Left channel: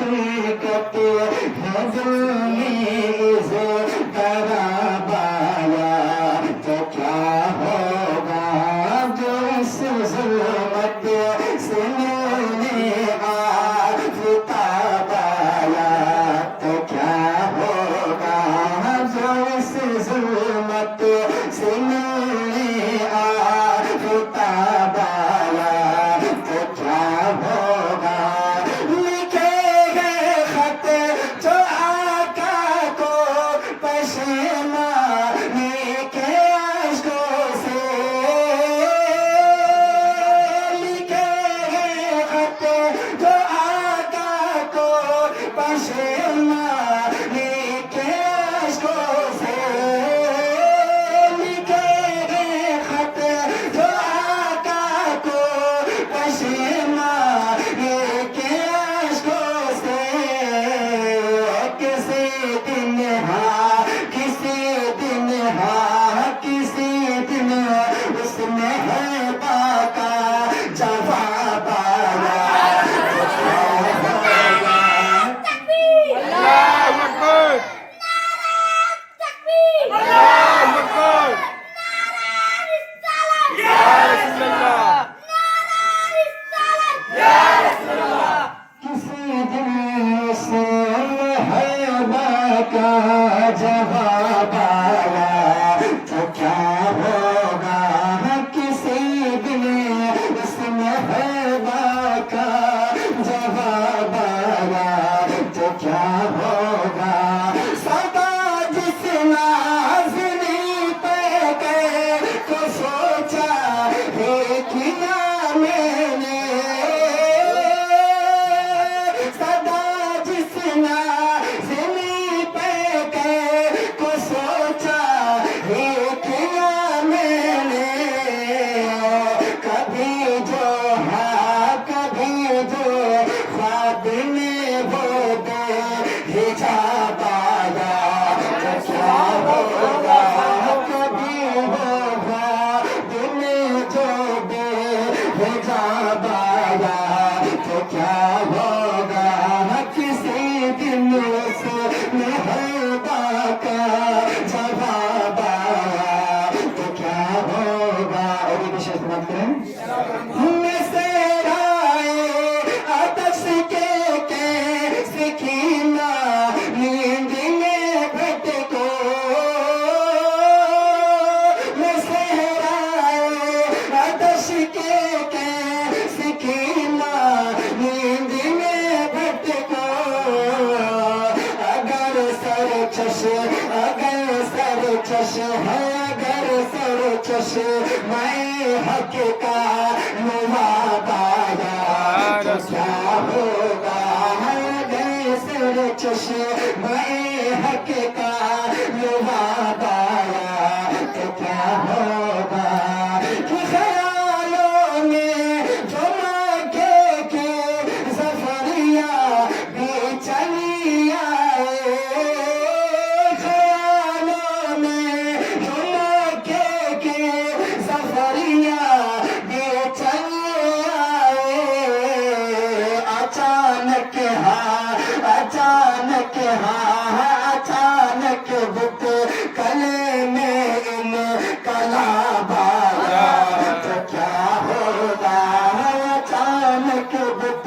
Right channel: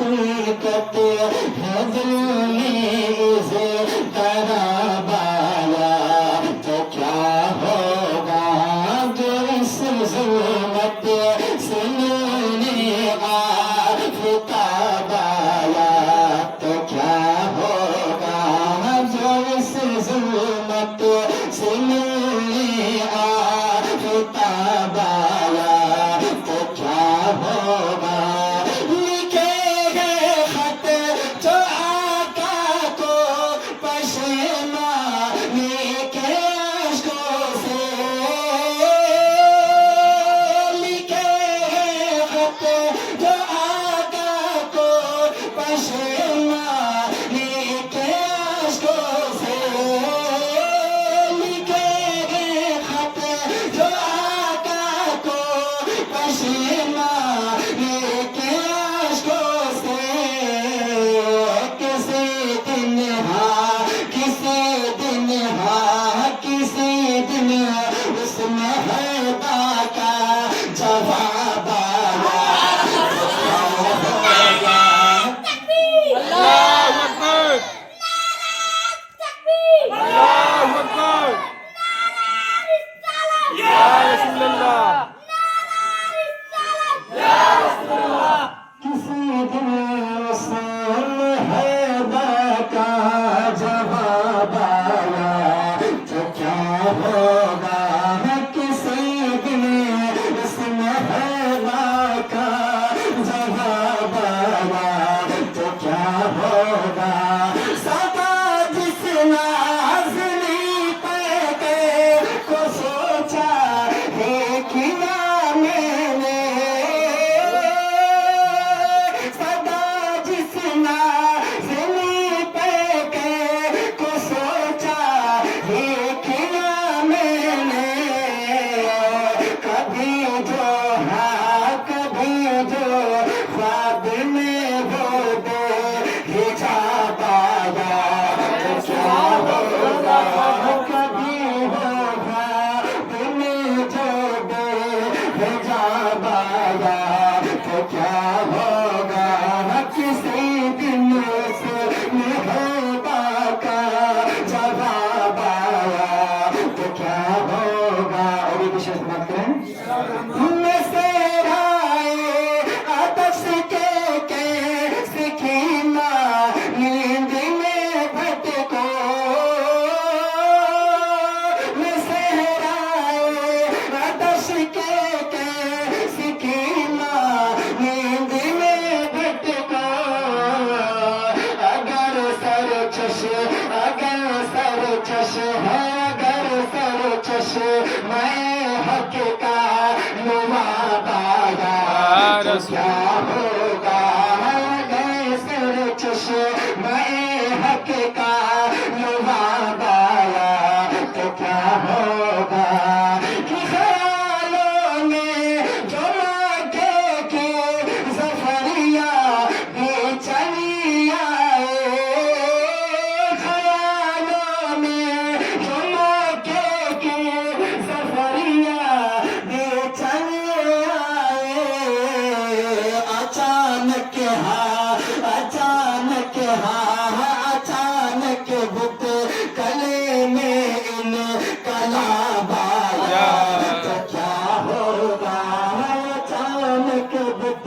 हकीकत है दिल में इस कराबाया तो क्या होगा जो इस जुल्मत से मिलने आफताबाया तो क्या होगा जो इस जुल्मत से मिलने आफताबाया तो क्या होगा लिखे गए खत जो आका को पशेमाने के अश्कों से लिखे गए खत जो आका को पशेमाने के अश्कों से लिखे गए खत जो आका को पशेमाने के अश्कों से किसी दिन हाँ किसी दिन उसमें है बाका जवाब आया Allahu Akbar! Allahu Akbar! Ya Rasulullah! किसी दिन उसमें है बाका जवाब आया तो क्या होगा किसी दिन उसमें है बाका जवाब आया तो क्या होगा सदा जिस नाज़नी पे के को सोचा है कि ना मैंने सदा जिस नाज़नी पे के को सोचा है कि ना मैंने कभी जो हाँ कभी जो ख्वाब में वो दे हिजाब आया तो क्या होगा कभी वो ख्वाब में जो दे हिजाब आया तो क्या होगा किसी दिन से महबा का जवाब आया तो क्या होगा और ये विशेष बात करें में सेराए आदर्श के सिखीना नींद में भटको में सेराए आदर्श के सिखीना नींद में भटको अगर सर चश है अगर सर चश मैं हक का मुवाबाया तो क्या होगा अगर सर चश मैं हक का मुवाबाया तो क्या होगा कि ख्यालों में जो मांगे की ज़फ़रिया भी चली आए ख्यालों में जो मांगे की ज़फ़रिया भी चली आए अचानक बुत कले में इन कलाब आया तो क्या होगा अचानक बुत